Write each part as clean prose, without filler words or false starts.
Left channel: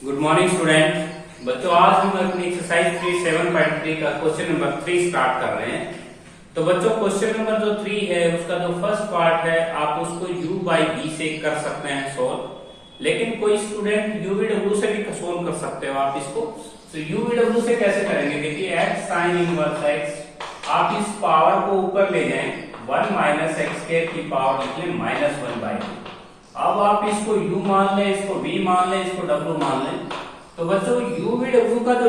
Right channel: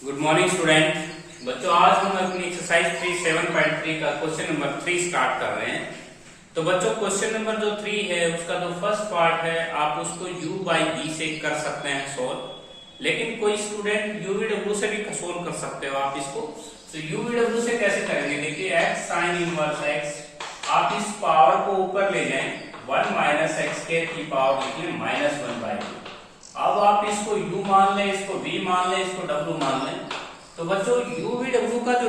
Good morning student. बच्चों आज हम अपनी एक्सरसाइज 7.3 का क्वेश्चन नंबर 3 स्टार्ट कर रहे हैं। तो बच्चों क्वेश्चन नंबर जो 3 है उसका जो फर्स्ट पार्ट है आप उसको u बाई v से कर सकते हैं सोल्व, लेकिन कोई स्टूडेंट u v w से भी सोल्व कर सकते हो आप इसको। तो u v w से कैसे करेंगे, देखिए x साइन इनवर्स x आप इस पावर को ऊपर ले जाएं 1 माइनस एक्स स्क्वायर की पावर लिखिए -1/2। अब आप इसको u मान लें, इसको v मान लें, इसको w मान लें। तो बच्चों u v w का जो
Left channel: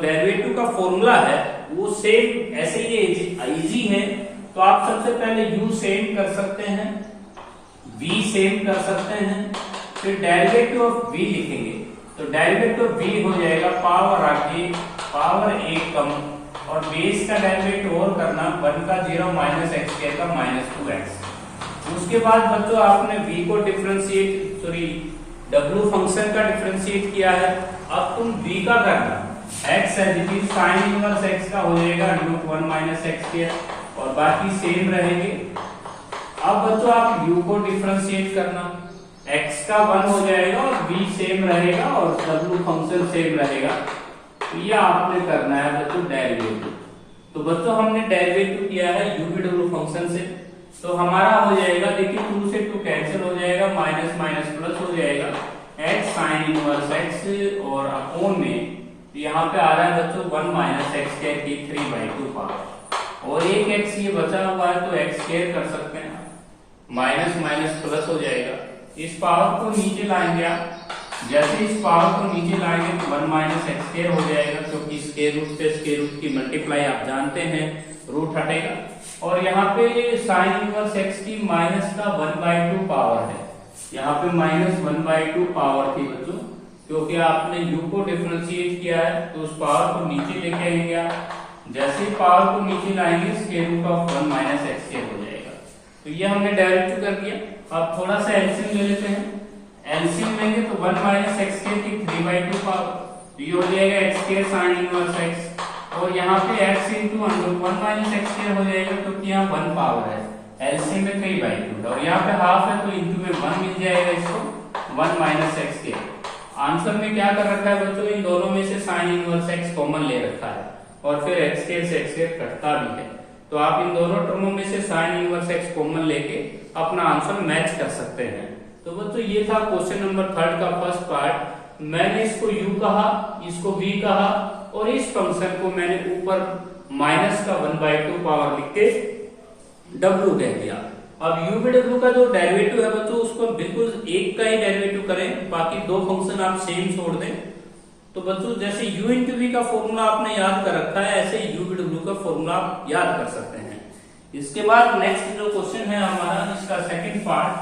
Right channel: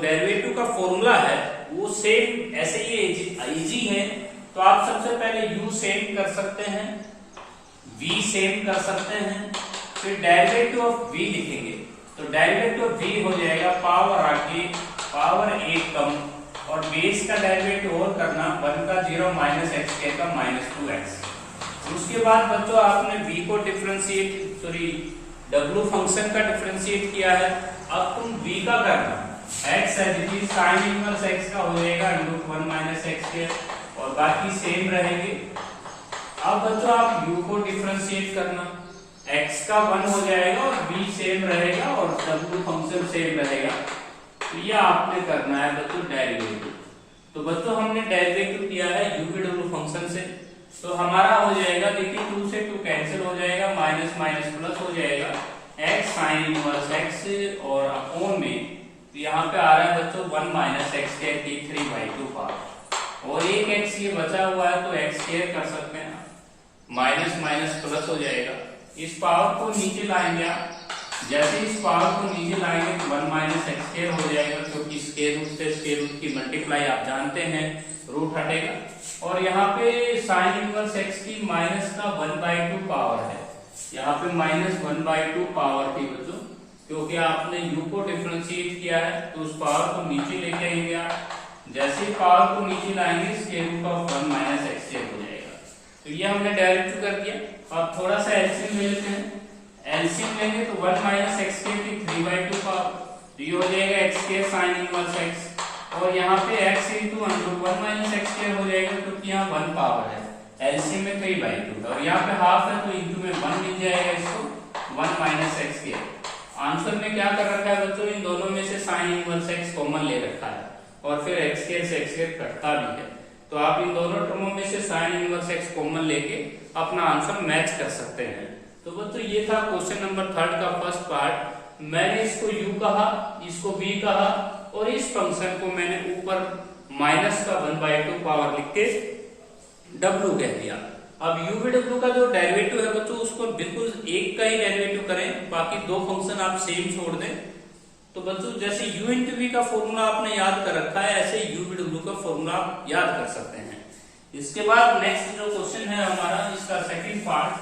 डेरिवेटिव का फॉर्मूला है वो सेम ऐसे ही इजी है। तो आप सबसे पहले u सेम कर सकते हैं, v सेम कर सकते हैं, फिर डेरिवेटिव ऑफ v लिखेंगे। तो डेरिवेटिव ऑफ v हो जाएगा पावर आगे पावर 1 कम और बेस का डेरिवेटिव और करना 1 का 0 माइनस एक्स स्क्वायर का -2x। उसके बाद बच्चों आपने v को w फंक्शन का डिफरेंशिएट किया है। अब तुम v का करना x है साइन इनवर्स x का हो जाएगा √1 माइनस एक्स स्क्वायर और बाकी सेम रहेंगे। अब बच्चों आप u को डिफरेंशिएट करना, x का 1 हो जाएगा और v सेम रहेगा और w फंक्शन सेम रहेगा। तो यह आपने करना है बच्चों डेरिवेटिव। तो बच्चों हमने डेरिवेटिव किया है u v w फंक्शन से, तो हमारा हो जाएगा देखिए 2 से 2 कैंसिल हो जाएगा, माइनस माइनस प्लस हो जाएगा x साइन इनवर्स x और अपॉन में यहाँ पे आ रहा है बच्चों 1 माइनस एक्स स्क्वायर की 3/2 पावर और एक x ये बचा हुआ है तो x स्क्वायर कर सकते हैं, माइनस माइनस प्लस हो जाएगा। इस पावर को नीचे लाएंगे आप, जैसे इस पावर को नीचे लाएंगे तो 1 माइनस एक्स स्क्वायर हो जाएगा क्योंकि स्क्वायर रूट से स्क्वायर रूट की मल्टीप्लाई आप जानते हैं, रूट हटेगा। और यहाँ पे साइन इनवर्स x की माइनस का 1/2 पावर है, यहाँ पे -1/2 पावर थी बच्चों, क्योंकि आपने u को डिफरेंशिएट किया है तो उस पावर को नीचे लेके आएंगे आप। जैसे पावर को नीचे लाएंगे square root of 1 minus x square हो जाएगा। तो ये हमने डायरेक्ट कर दिया। अब थोड़ा सा एलसीएम ले लेते हैं, एलसीएम लेंगे तो 1 माइनस एक्स स्क्वायर की 3/2 पावर ये हो जाएगा x square sine inverse x और यहाँ पे x into √1 minus x square हो जाएगा क्योंकि यहाँ 1 पावर है, एलसीएम में 3/2 और यहाँ पे हाफ है तो इंटू में 1 मिल जाएगा इसको 1 माइनस एक्स स्क्वायर। आंसर में क्या कर रखा है बच्चों, इन दोनों में से साइन इनवर्स x कॉमन ले रखा है और फिर x स्क्वायर से x स्क्वायर कटता भी है। तो आप इन दोनों टर्मों में से साइन इनवर्स x कॉमन लेके अपना आंसर मैच कर सकते हैं। तो बच्चों ये था क्वेश्चन नंबर 3 का फर्स्ट पार्ट। मैंने इसको u कहा, इसको v कहा और इस फंक्शन को मैंने ऊपर माइनस का 1/2 पावर लिख के w कह दिया। अब u v w का जो डेरिवेटिव है बच्चों उसको बिल्कुल एक का ही डेरिवेटिव करें, बाकी दो फंक्शन आप सेम छोड़ दें। तो बच्चों जैसे u इंटू v का फॉर्मूला आपने याद कर रखा है ऐसे u v w का फॉर्मूला आप याद कर सकते हैं। इसके बाद नेक्स्ट जो क्वेश्चन है हमारा इसका second part,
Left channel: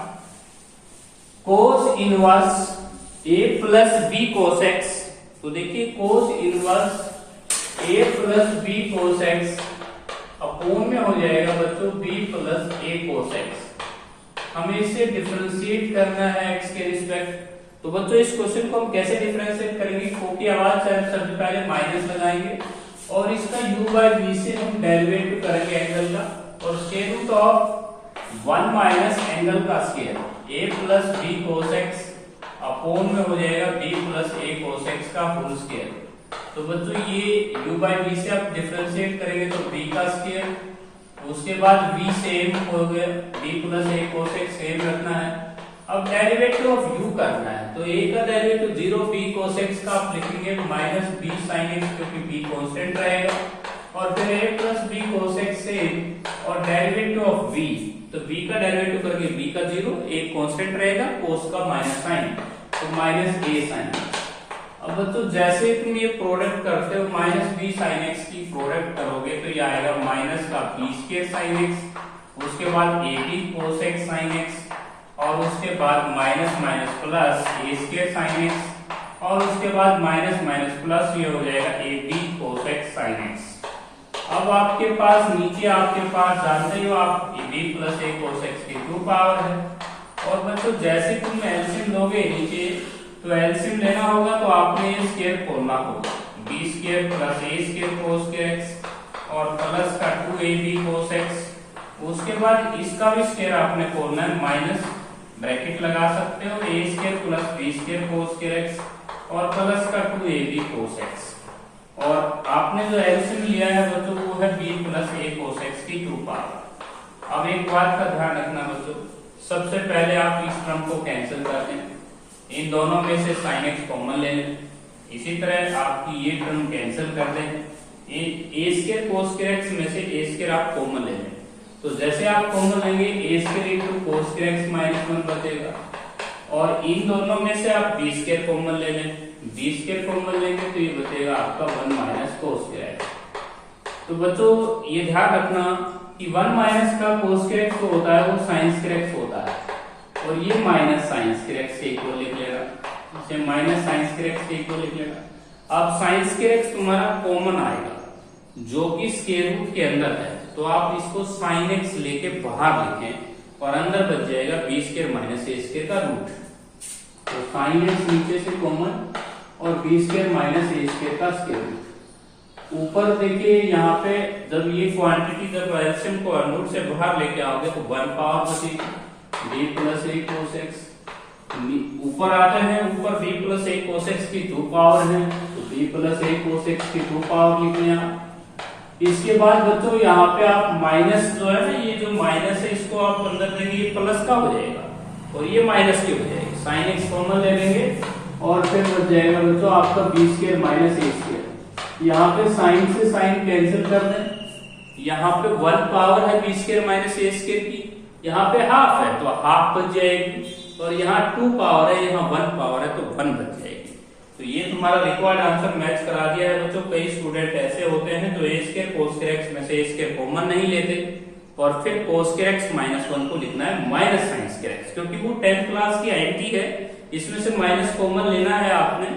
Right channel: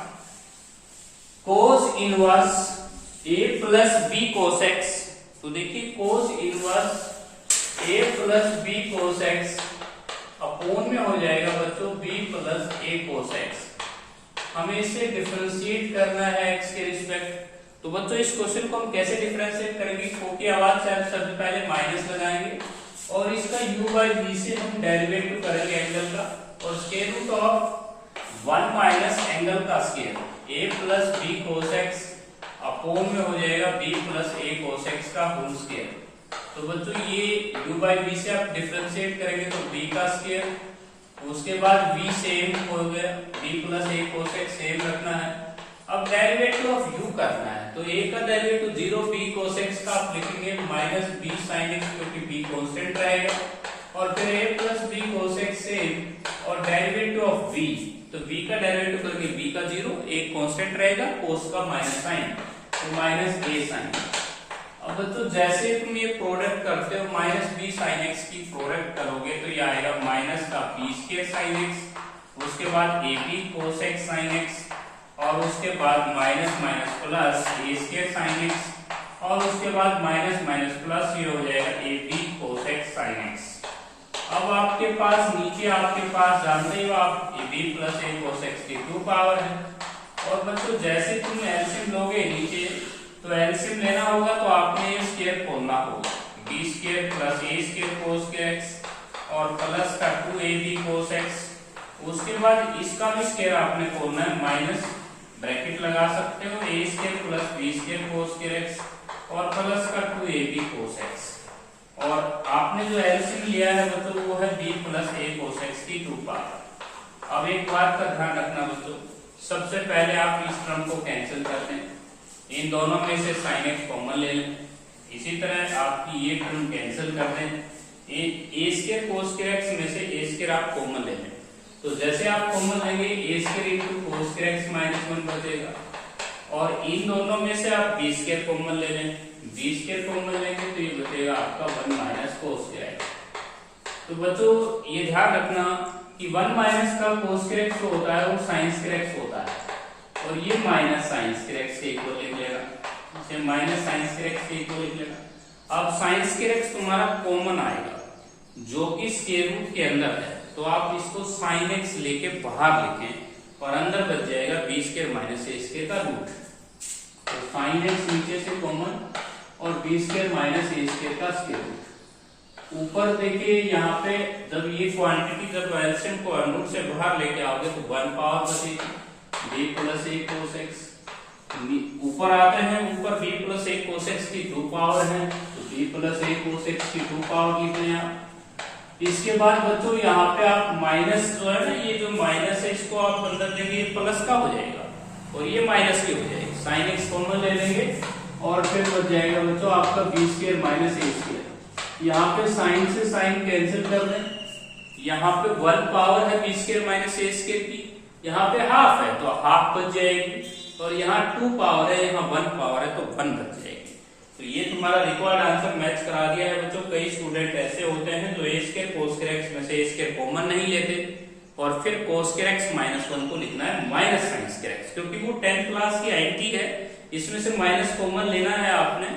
cos inverse a plus b cos x। तो देखिए cos inverse a plus b cos x upon में हो जाएगा बच्चों b plus a cos x। हमें इसे डिफरेंशिएट करना है x के रिस्पेक्ट। तो बच्चों इस क्वेश्चन को हम कैसे डिफरेंशिएट करेंगे, को की आवाज से सबसे पहले माइनस लगाएंगे और इसका u बाई v से हम डेरिवेटिव करेंगे एंगल का और square root of 1 minus angle का square a plus b cos x upon में हो जाएगा b plus a cos x का होल स्क्वायर। तो बच्चों ये u बाई v से आप डिफरेंशिएट करेंगे तो b का स्क्वायर, उसके बाद v सेम हो गया b plus a cos x same रखना है। अब डेरिवेटिव ऑफ u करना है तो a का डेरिवेटिव 0 b cos x का आप लिखेंगे माइनस b sin x क्योंकि b कांस्टेंट रहेगा और फिर a plus b cos x same और डेरिवेटिव ऑफ v तो b का डेरिवेटिव करके b का 0 एक कांस्टेंट रहेगा cos का माइनस साइन तो माइनस a sin। अब बच्चों जैसे तुम ये प्रोडक्ट करते हो माइनस b sin x की प्रोडक्ट करोगे तो ये आएगा माइनस का b स्क्वायर sin x, उसके बाद ab cos x sin x और उसके बाद minus minus plus a square sin x और उसके बाद माइनस माइनस प्लस ये हो जाएगा ab cos x sin x। अब आपके पास नीचे आपके पास जानते हो आप ab plus a cos x की 2 पावर है और बच्चों जैसे तुम एलसीएम लोगे नीचे तो एलसीएम लेना होगा तो आपने ये स्क्वायर खोलना होगा b square plus a square cos x और प्लस का 2ab cos x, उसके बाद इसका भी स्क्वायर आपने खोलना है माइनस ब्रैकेट लगा सकते हो, a square plus b square cos square x और प्लस का 2ab कोस एक्स। और आपने जो एलसीएम लिया है बच्चों वो है b plus a cos x की 2 पावर। अब एक बात का ध्यान रखना बच्चों, सबसे पहले आप इस टर्म को कैंसिल कर दें, इन दोनों में से sin x कॉमन ले लें। इसी तरह आपकी ये टर्म कैंसिल कर दें, a square cos square x में से a स्क्वायर आप कॉमन ले लें। तो जैसे आप कॉमन लेंगे a square into cos square x minus 1 बचेगा, और इन दोनों में से आप b स्क्वायर कॉमन ले लें, b स्क्वायर कॉमन लेंगे तो ये बचेगा आपका 1 माइनस कोस स्क्वायर एक्स। तो बच्चों ये ध्यान रखना कि 1 माइनस का कोस स्क्वायर एक्स होता है वो साइन स्क्वायर एक्स होता है, और ये माइनस साइन स्क्वायर एक्स के इक्वल लिख लेगा, इसे माइनस साइन स्क्वायर एक्स के इक्वल लिख लेगा। अब साइन स्क्वायर एक्स तुम्हारा कॉमन आएगा जो कि स्क्वायर रूट के अंदर है, तो आप इसको साइन एक्स लेके बाहर लिखें और अंदर बच जाएगा बी स्क्वायर माइनस ए स्क्वायर का रूट। तो साइन एक्स नीचे से कॉमन और बी स्क्वायर माइनस ए स्क्वायर का स्क्वायर रूट। ऊपर देखिए यहाँ पे जब ये क्वांटिटी जब एलसीएम को रूट से बाहर लेके आओगे तो 1 पावर बचेगी b plus a cos x. ऊपर आते हैं, ऊपर b plus a cos x की 2 पावर है तो b plus a cos x की 2 पावर लिख लें। इसके बाद बच्चों यहाँ पे आप माइनस जो है ना, ये जो माइनस है इसको आप अंदर देंगे, ये प्लस का हो जाएगा और ये माइनस की हो जाएगी। साइन एक्स कॉमन ले लेंगे और फिर बच जाएगा बच्चों आपका बी स्क्वायर माइनस ए स्क्वायर। यहाँ पे साइन से साइन कैंसिल कर दें, यहाँ पे 1 पावर है बी स्क्वायर माइनस ए स्क्वायर की, यहाँ पे हाफ है तो हाफ बच जाएगी, और यहाँ 2 पावर है, यहाँ 1 पावर है तो 1 बच जाएगी। तो ये तुम्हारा रिक्वायर्ड आंसर मैच करा दिया है बच्चों। कई स्टूडेंट ऐसे होते हैं जो ए स्क्वायर कोस स्क्वायर एक्स में से ए स्क्वायर कॉमन नहीं लेते और फिर कोस स्क्वायर एक्स माइनस 1 को लिखना है माइनस साइन स्क्वायर एक्स, क्योंकि वो 10th क्लास की आईटी है, इसमें से माइनस कॉमन लेना है आपने,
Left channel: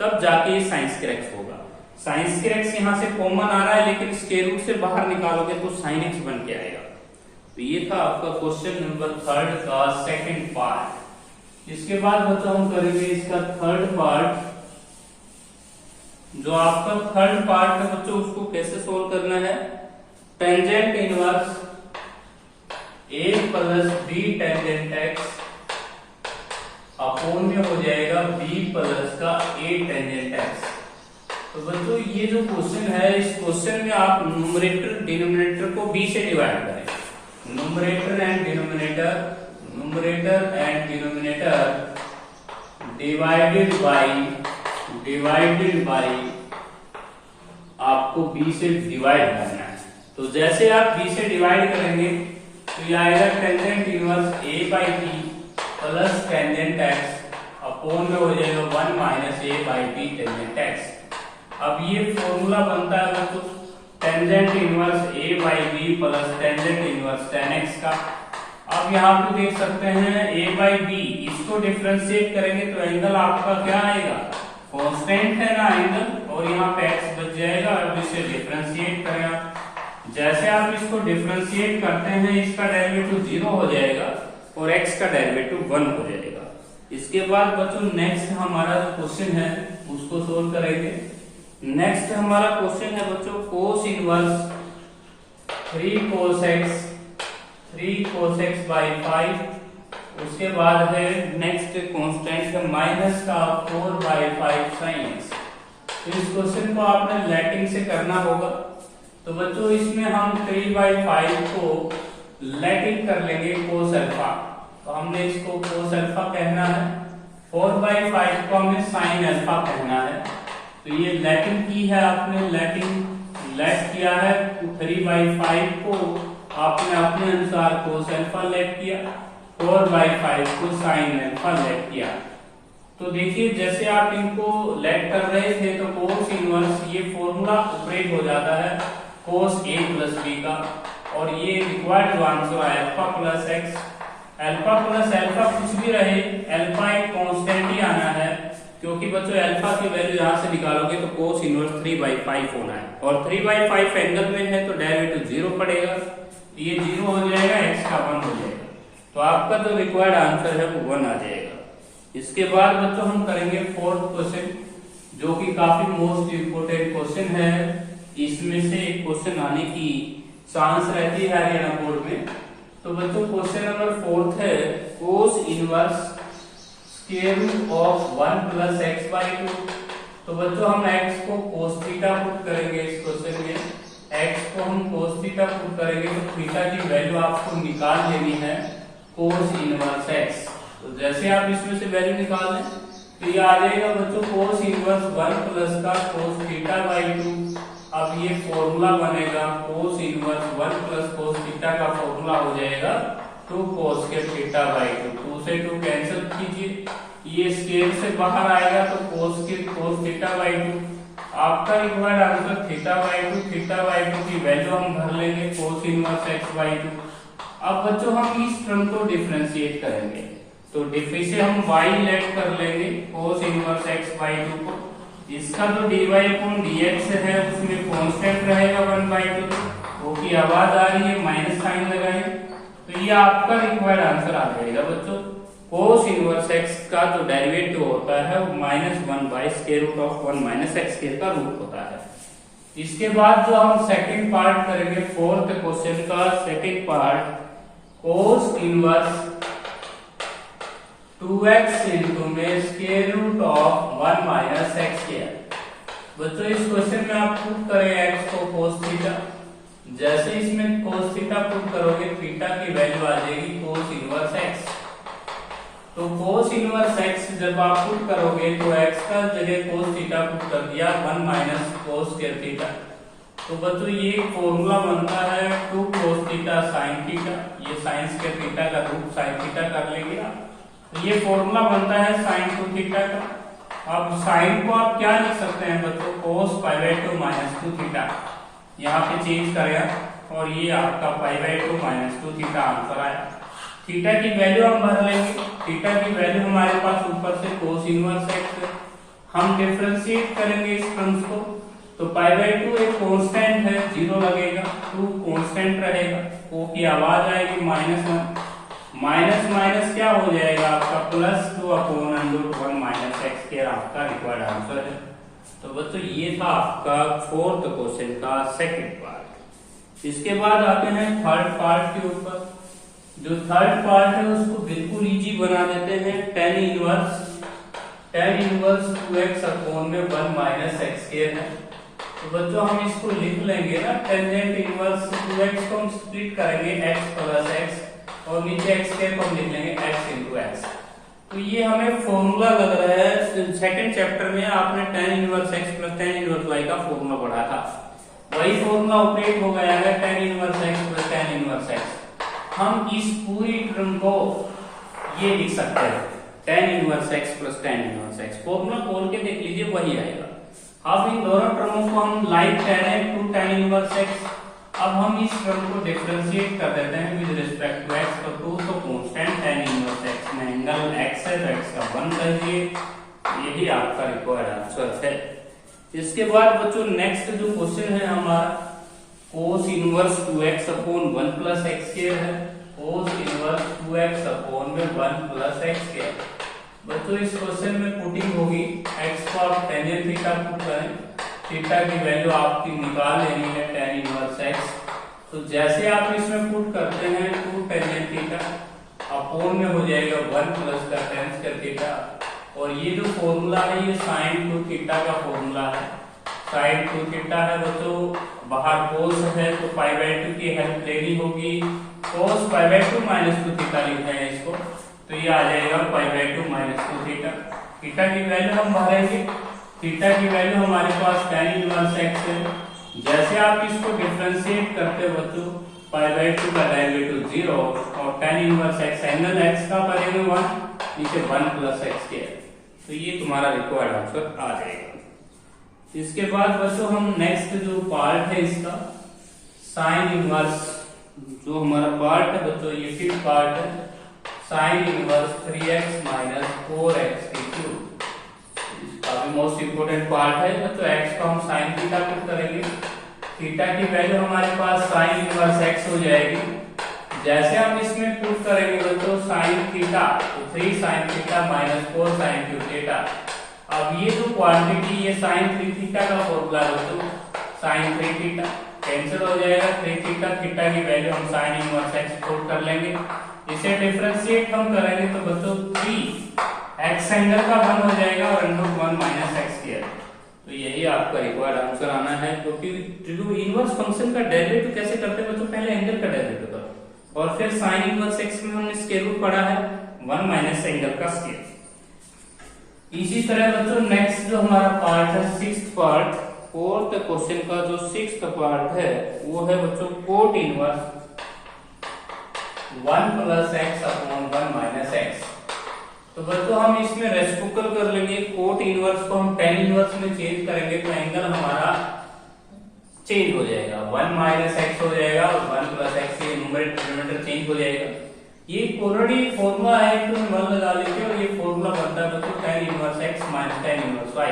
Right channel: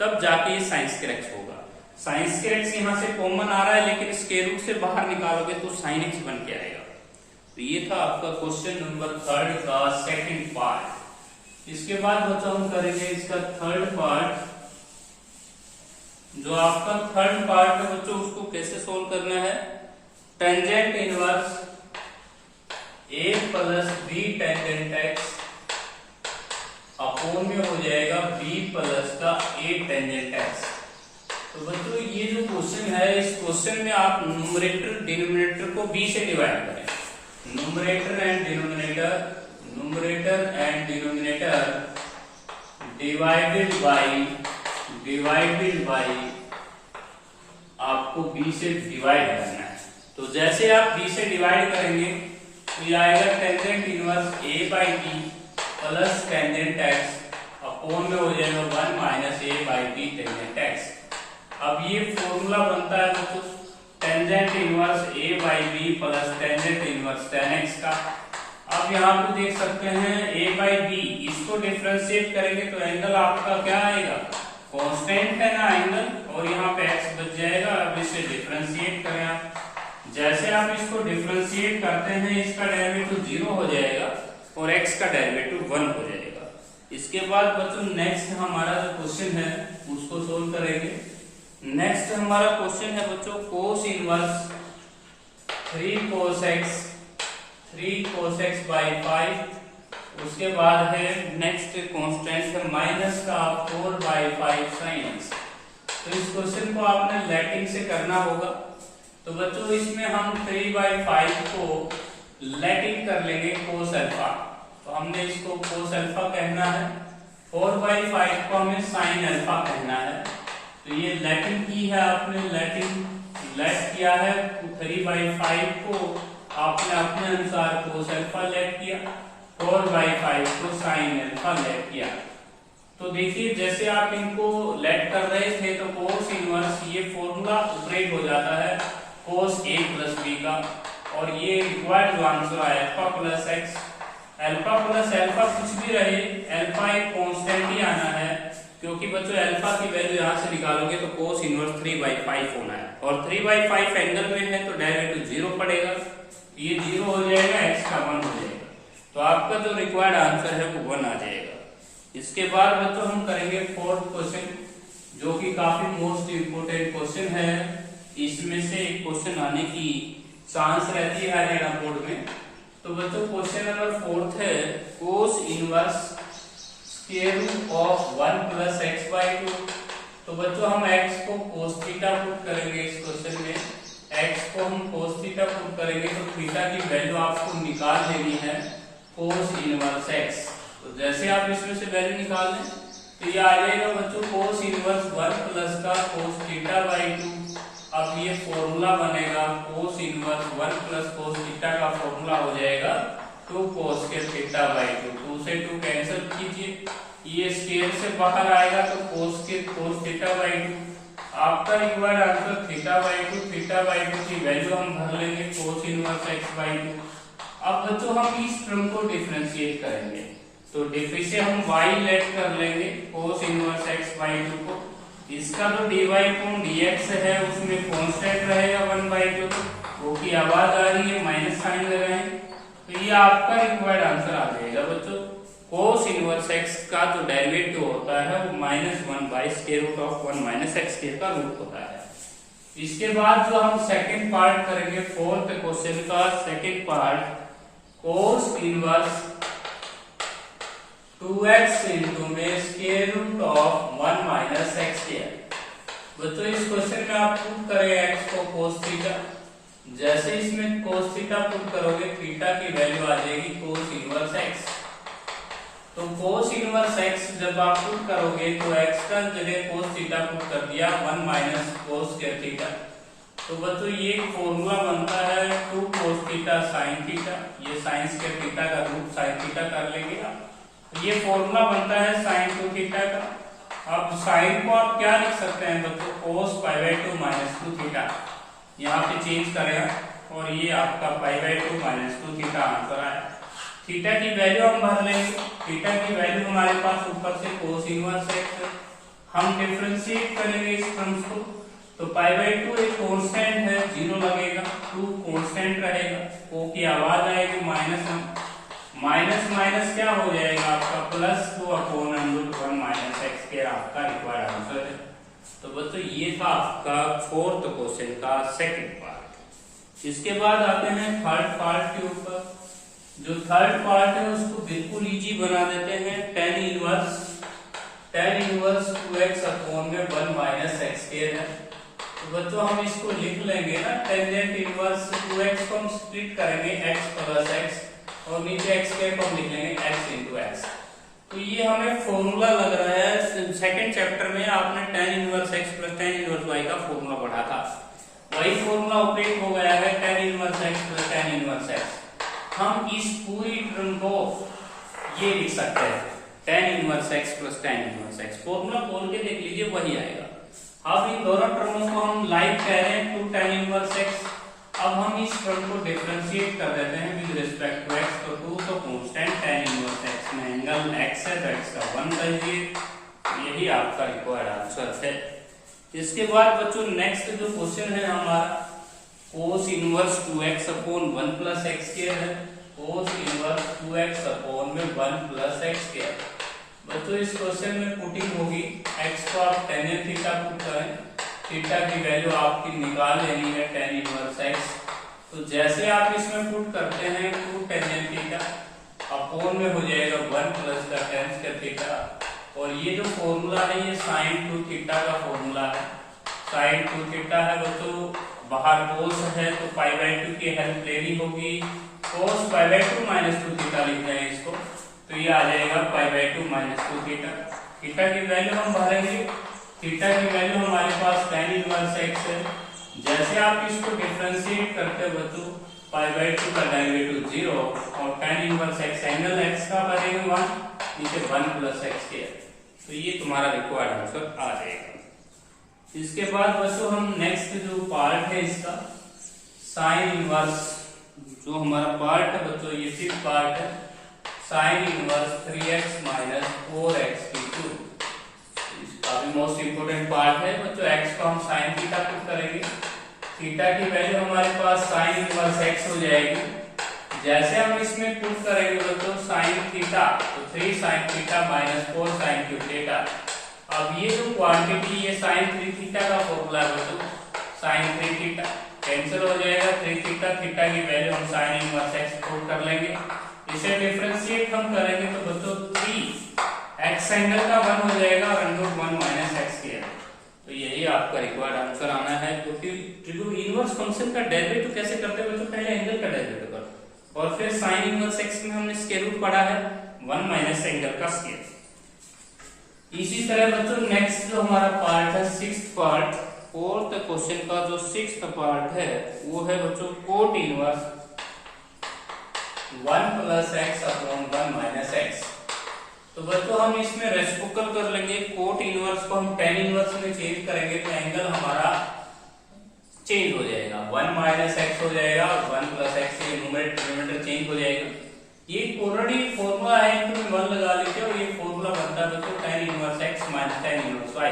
तब जाके ये साइन स्क्वायर एक्स होगा। साइन स्क्वायर एक्स यहाँ से कॉमन आ रहा है लेकिन स्क्वायर रूट से बाहर निकालोगे तो साइन एक्स बन के आएगा। तो ये था आपका क्वेश्चन नंबर 3 का सेकंड पार्ट। इसके बाद बच्चों हम करेंगे इसका थर्ड पार्ट। जो आपका थर्ड पार्ट है बच्चों उसको कैसे सोल्व करना है, tangent inverse a plus b tangent x upon में हो जाएगा b प्लस का a टेंजेंट एक्स। तो बच्चों ये जो क्वेश्चन है, इस क्वेश्चन में आप न्यूमरेटर डिनोमिनेटर को b से डिवाइड करें। Numerator and denominator divided by आपको b से डिवाइड करना है। तो जैसे आप b से डिवाइड करेंगे तो ये आएगा tangent inverse a by b plus tangent x upon में हो जाएगा 1 minus a by b tangent x। अब ये फॉर्मूला बनता है बच्चों tangent inverse a by b plus tangent inverse tan x का। अब यहाँ पे देख सकते हैं a बाई b, इसको डिफरेंशिएट करेंगे तो एंगल आपका क्या आएगा, कांस्टेंट है ना एंगल, और यहाँ पे x बच जाएगा। अब इसे डिफरेंशिएट करें आप, जैसे आप इसको डिफरेंशिएट करते हैं इसका डेरिवेटिव 0 हो जाएगा और x का डेरिवेटिव 1 हो जाएगा। इसके बाद बच्चों नेक्स्ट हमारा जो क्वेश्चन है उसको सोल्व करेंगे। नेक्स्ट हमारा क्वेश्चन है बच्चों cos inverse 3 cos x by 5। उसके बाद है नेक्स्ट कांस्टेंट है माइनस का 4 बाई 5 sin x। तो इस क्वेश्चन को आपने लैटिन से करना होगा। तो बच्चों इसमें हम 3 बाई 5 को लैटिन कर लेंगे कोस अल्फा, तो हमने इसको कोस अल्फा कहना है। 4 बाई 5 को हमें साइन अल्फा कहना है। तो ये लैटिन की है, आपने लैटिन लेट किया है। 3 बाई 5 को आपने अपने अनुसार कोस अल्फा लेट किया, 4 बाई 5 को साइन अल्फा लेट किया। तो देखिए जैसे आप इनको लेट कर रहे थे तो कोस इनवर्स ये फॉर्मूला ऑपरेट हो जाता है कोस a प्लस b का, और ये required answer alpha plus x. Alpha plus alpha कुछ भी रहे, अल्फा एक कांस्टेंट ही आना है, क्योंकि बच्चों अल्फा की वैल्यू यहां से निकालोगे तो कोस इनवर्स 3 बाई 5 होना है, और 3 बाई 5 एंगल में है तो डेरिवेटिव 0 पड़ेगा, ये 0 हो जाएगा, x का 1 हो जाएगा। तो आपका जो रिक्वायर्ड आंसर है वो 1 आ जाएगा। इसके बाद बच्चों हम करेंगे फोर्थ क्वेश्चन, जो कि काफी मोस्ट इंपोर्टेंट क्वेश्चन है। इसमें से एक क्वेश्चन आने की चांस रहती है हरियाणा बोर्ड में। तो बच्चों क्वेश्चन नंबर 4 है, cos inverse square root of 1 plus x by 2। तो बच्चों हम x को cos थीटा पुट करेंगे इस क्वेश्चन में, x को हम cos थीटा पुट करेंगे तो थीटा की वैल्यू आपको निकाल लेनी है cos इनवर्स x। तो जैसे आप इसमें से वैल्यू निकाल लें तो ये आ जाएगा बच्चों cos इनवर्स 1 प्लस का cos थीटा बाई 2। अब ये फॉर्मूला बनेगा cos inverse 1 plus cos theta का फॉर्मूला हो जाएगा 2 cos के थीटा बाई 2। 2 से 2 कैंसिल कीजिए, ये स्क्वायर से बाहर आएगा तो cos थीटा बाई 2। आपका रिक्वायर्ड आंसर थीटा बाई 2 की वैल्यू हम भर लेंगे cos इनवर्स x बाई 2। अब बच्चों हम इस टर्म को डिफरेंशिएट करेंगे तो से हम y लेट कर लेंगे cos इनवर्स x बाई 2 को। इसका जो dy अपॉन dx है उसमें कांस्टेंट रहेगा 1 बाई 2। वो की आवाज आ रही है, माइनस साइन लगाएंगे तो ये आपका रिक्वायर्ड आंसर आ जाएगा बच्चों। cos इनवर्स x का जो डेरिवेटिव होता है वो -1 by square root of 1 minus x square का रूट होता है। इसके बाद जो हम सेकंड पार्ट करेंगे, फोर्थ क्वेश्चन का second part, cos inverse 2x into में square root of 1 minus x square. बच्चों इस क्वेश्चन में आप पुट करेंगे x को cos थीटा। जैसे इसमें cos थीटा पुट करोगे थीटा की वैल्यू आ जाएगी cos इनवर्स x। तो cos इनवर्स x जब आप पुट करोगे तो x का जगह cos थीटा पुट कर दिया 1 माइनस cos स्क्वायर थीटा। तो बच्चों ये फॉर्मूला बनता है 2 cos थीटा sin थीटा। ये sin स्क्वायर थीटा का रूट sin थीटा कर लेंगे आप। ये फॉर्मूला बनता है sin 2 थीटा का। अब sin को आप क्या लिख सकते हैं बच्चों, cos pi by 2 minus 2 theta. यहाँ पे चेंज करें और ये आपका pi by 2 minus 2 theta answer आया। थीटा की वैल्यू हम भर लेंगे। थीटा की वैल्यू हमारे पास ऊपर से cos इनवर्स x, हम डिफरेंशिएट करेंगे इस टर्म्स को तो पाई बाई 2 एक कांस्टेंट है, 0 लगेगा, 2 कांस्टेंट रहेगा, o की आवाज आएगी -1, माइनस माइनस क्या हो जाएगा आपका +2 अपॉन √1 माइनस x स्क्वायर आपका रिक्वायर्ड आंसर है। तो बच्चों ये था आपका फोर्थ क्वेश्चन का सेकंड पार्ट। इसके बाद आते हैं थर्ड पार्ट के ऊपर। जो थर्ड पार्ट है उसको बिल्कुल इजी बना देते हैं। tan इनवर्स 2x अपॉन में 1 माइनस x स्क्वायर है। तो बच्चों हम इसको लिख लेंगे ना, टेंजेंट इनवर्स 2x को हम स्प्लिट करेंगे x प्लस x और नीचे x स्क्वायर को हम लिख लेंगे x इंटू x। तो ये हमें फॉर्मूला लग रहा है सेकंड चैप्टर में आपने tan inverse x plus tan inverse y का फॉर्मूला पढ़ा था, वही फॉर्मूला उपयोग हो गया है tan inverse x plus tan inverse x। हम इस पूरी टर्म को ये लिख सकते हैं tan inverse x plus tan inverse x। Formula खोल के देख लीजिए वही आएगा। अब इन दोनों टर्मों को हम लाइक कह रहे हैं 2 tan इनवर्स x। अब हम इस टर्म को डिफरेंशिएट कर देते हैं विद रिस्पेक्ट टू x। तो 2 तो कांस्टेंट tan इनवर्स x में एंगल x है तो x का 1 कर दिए, यही आपका रिक्वायर्ड आंसर है। इसके बाद बच्चों नेक्स्ट जो क्वेश्चन है हमारा cos inverse 2x upon 1 plus x square है। cos इनवर्स 2x अपॉन में 1 प्लस x स्क्वायर। बच्चों इस क्वेश्चन में पुटिंग होगी x को आप टेंजेंट थीटा पुट करें, थीटा की वैल्यू आपकी निकाल लेनी है tan इनवर्स x। तो जैसे आप इसमें पुट करते हैं 2 टेंजेंट थीटा अपॉन में हो जाएगा 1 प्लस का tan स्क्वायर थीटा। और ये जो फॉर्मूला है ये sin 2 थीटा का फॉर्मूला है। sin 2 थीटा है बच्चों, बाहर cos है तो पाई बाई 2 की हेल्प लेनी होगी, cos pi by 2 minus 2 theta लिखते हैं इसको, तो ये आ जाएगा pi by 2 minus 2 theta. Theta की वैल्यू हम भरेंगे, थीटा की वैल्यू हमारे पास tan इनवर्स x है। जैसे आप इसको डिफरेंशिएट करते हो बच्चों, पाई बाई 2 का डेरिवेटिव 0 और tan inverse x angle x का बनेगा 1, नीचे 1 प्लस x स्क्वायर। तो ये तुम्हारा रिक्वायर्ड आंसर आ जाएगा। इसके बाद बच्चों हम नेक्स्ट जो पार्ट है इसका साइन इनवर्स, जो हमारा पार्ट है बच्चों ये फिफ्थ पार्ट है, sine inverse 3x minus 4x की क्यूब। काफी मोस्ट इंपोर्टेंट पार्ट है बच्चों। x को हम साइन थीटा पुट करेंगे, थीटा की वैल्यू हमारे पास साइन इनवर्स x हो जाएगी। जैसे हम इसमें पुट करेंगे बच्चों साइन थीटा, तो 3 sine theta minus 4 sine cube theta. अब ये जो क्वांटिटी ये साइन 3 थीटा का फॉर्मूला है बच्चों, साइन 3 थीटा कैंसिल हो जाएगा, 3 थीटा, थीटा की वैल्यू हम साइन इनवर्स x पुट कर लेंगे। इसे डिफरेंशिएट हम करेंगे तो बच्चों 3x एंगल का 1 हो जाएगा और √1 माइनस एक्स स्क्वायर। तो यही आपका रिक्वायर्ड आंसर आना है। क्योंकि इनवर्स फंक्शन का डेरिवेटिव कैसे करते हैं बच्चों, पहले एंगल का डेरिवेटिव करो और फिर साइन इनवर्स एक्स में हमने स्क्वायर रूट पढ़ा है 1 माइनस एंगल का स्क्वायर। इसी तरह बच्चों नेक्स्ट जो हमारा पार्ट है सिक्स्थ पार्ट, फोर्थ क्वेश्चन का जो सिक्स्थ पार्ट है वो है बच्चों cot inverse 1 plus x upon 1 minus x. तो बच्चों हम इसमें रेसिप्रोकल कर लेंगे, कोट इनवर्स को हम tan इनवर्स में चेंज करेंगे तो एंगल हमारा चेंज हो जाएगा, 1 माइनस एक्स हो जाएगा और 1 प्लस एक्स, ये न्यूमरेटर डिनोमिनेटर चेंज हो जाएगा। ये ऑलरेडी फॉर्मूला है तो 1 लगा लीजिए और ये फॉर्मूला बनता है बच्चों tan inverse x minus tan inverse y।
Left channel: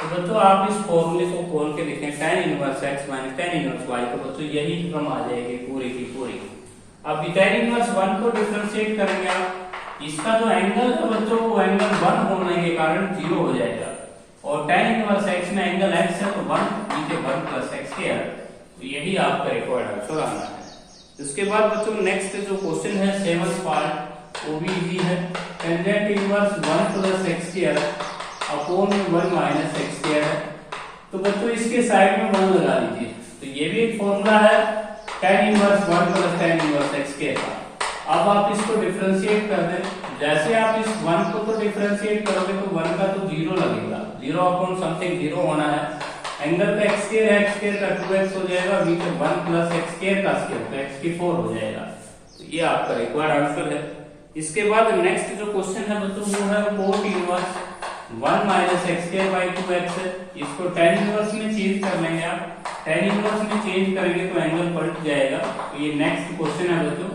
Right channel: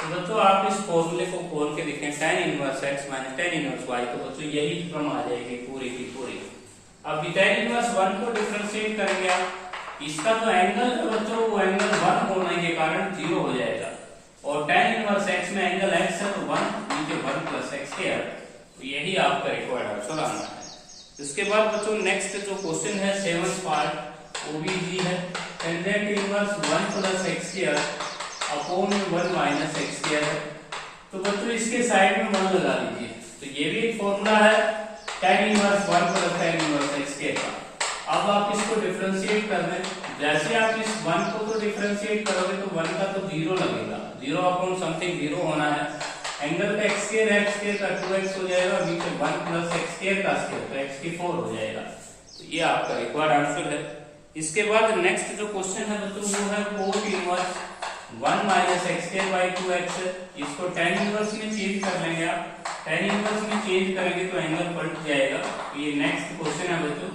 तो बच्चों आप इस फॉर्मूले को खोल के देखें tan inverse x minus tan inverse y, तो बच्चों यही फॉर्म आ जाएगी पूरी की पूरी। अब tan इनवर्स 1 को डिफरेंशिएट करेंगे आप, इसका जो एंगल है बच्चों वो एंगल 1 होने के कारण 0 हो जाएगा और tan इनवर्स x में एंगल x है तो 1 नीचे 1 प्लस x स्क्वायर। तो यही आपका रिक्वायर्ड आंसर आना है। इसके बाद बच्चों नेक्स्ट जो क्वेश्चन है सेवंथ पार्ट वो भी इजी है। Tangent inverse 1 plus x square upon 1 minus x square है। तो बच्चों इसके साइड में 1 लगा लीजिए। तो ये भी एक फॉर्मूला है tan inverse 1 plus tan inverse x square का। अब आप इसको डिफरेंशिएट कर दें, जैसे आप इस 1 को तो डिफरेंशिएट करोगे तो 1 का तो 0 लगेगा, 0 अपॉन समथिंग 0 होना है। एंगल पे x स्क्वायर का 2x हो जाएगा और नीचे 1 प्लस x स्क्वायर का स्क्वायर तो x की 4 हो जाएगा। तो ये आपका रिक्वायर्ड आंसर है। इसके बाद नेक्स्ट जो क्वेश्चन है बच्चों वो है cot inverse 1 minus x square by 2x है। इसको tan इनवर्स में चेंज कर लेंगे आप, tan इनवर्स में चेंज करेंगे तो एंगल पलट जाएगा। तो ये नेक्स्ट क्वेश्चन है बच्चों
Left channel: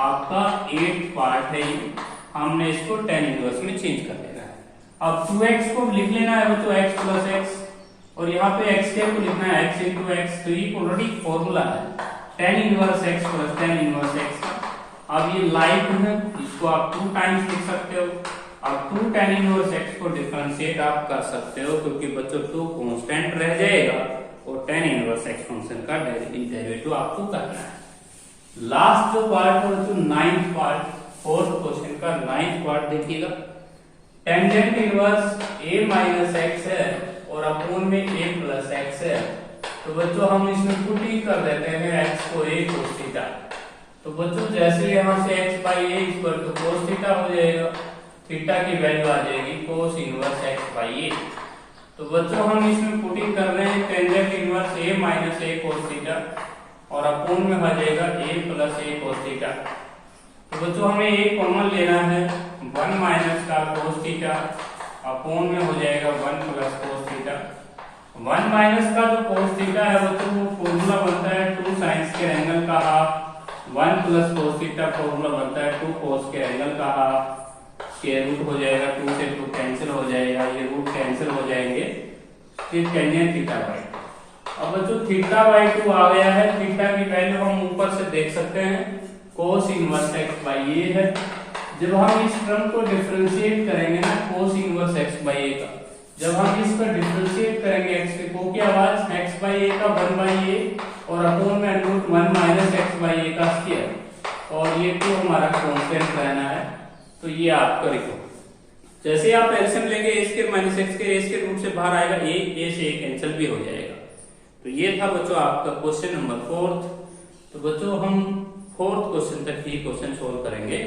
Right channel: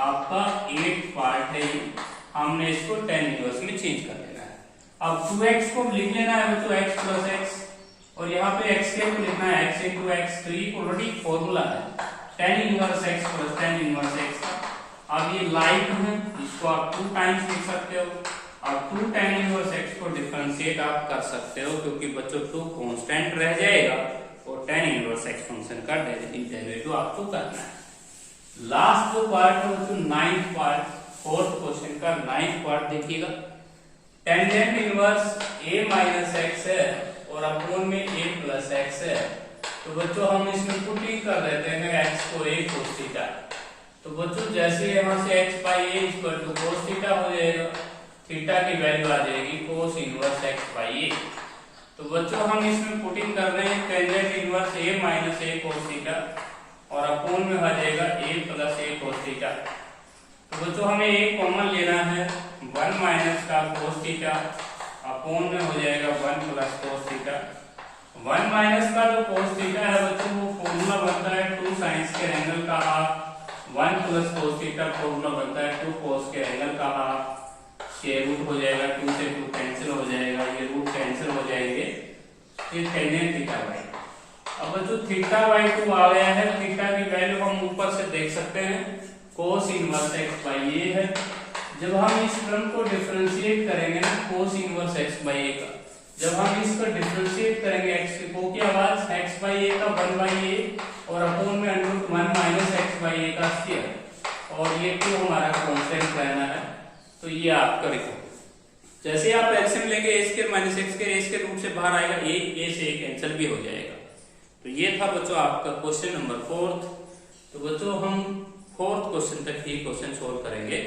आपका 8th पार्ट है, ये हमने इसको tan इनवर्स में चेंज कर लेना है। अब 2x को लिख लेना है बच्चों x प्लस x और यहाँ पे x स्क्वायर को लिखना है x इंटू x। तो ये ऑलरेडी फॉर्मूला है tan inverse x plus tan inverse x का। अब ये लाइक है, इसको आप 2 टाइम्स लिख सकते हो। अब 2 tan इनवर्स x को डिफरेंशिएट आप कर सकते हो क्योंकि बच्चों 2 कांस्टेंट रह जाएगा और tan इनवर्स x फंक्शन का डेरिवेटिव आपको करना है। लास्ट जो पार्ट है बच्चों 9th पार्ट, फोर्थ क्वेश्चन का 9th पार्ट देखिएगा। Tangent inverse a minus x है और अपॉन में a प्लस एक्स है। तो बच्चों हम इसमें पुट ही कर देते हैं x को a cos थीटा। तो बच्चों जैसे यहाँ से x by a equal to cos theta हो जाएगा, थीटा की वैल्यू आ जाएगी cos inverse x by a। तो बच्चों हम इसमें पुटिंग कर रहे हैं tangent inverse a minus a cos theta और अपॉन में आ जाएगा a plus a cos theta. तो बच्चों हमें एक कॉमन लेना है 1 माइनस का cos थीटा अपॉन में हो जाएगा 1 प्लस cos थीटा। 1 माइनस का जो cos थीटा है बच्चों वो फॉर्मूला बनता है 2 sin स्क्वायर एंगल का half, 1 plus cos theta formula बनता है 2 cos स्क्वायर एंगल का हाफ। स्क्वायर रूट हो जाएगा, 2 से 2 कैंसिल हो जाएगा, ये रूट कैंसिल हो जाएंगे, फिर टेंजेंट थीटा बाई। अब बच्चों थीटा बाई 2 आ गया है, थीटा की वैल्यू हम ऊपर से देख सकते हैं cos inverse x by a है। जब हम इस टर्म को डिफरेंशिएट करेंगे ना cos inverse x by a का, जब हम इसका डिफरेंशिएट करेंगे x के को की आवाज x बाई a का 1 बाई a और अपॉन में √1 माइनस x बाई a का स्क्वायर और ये तो हमारा कांस्टेंट रहना है। तो ये आपका लिखो, जैसे आप एलसीएम लेंगे a square minus x square a square root से बाहर आएगा, a से a कैंसिल भी हो जाएगा। तो ये था बच्चों आपका क्वेश्चन नंबर 4। तो बच्चों हम 4th क्वेश्चन तक ही क्वेश्चन सोल्व करेंगे।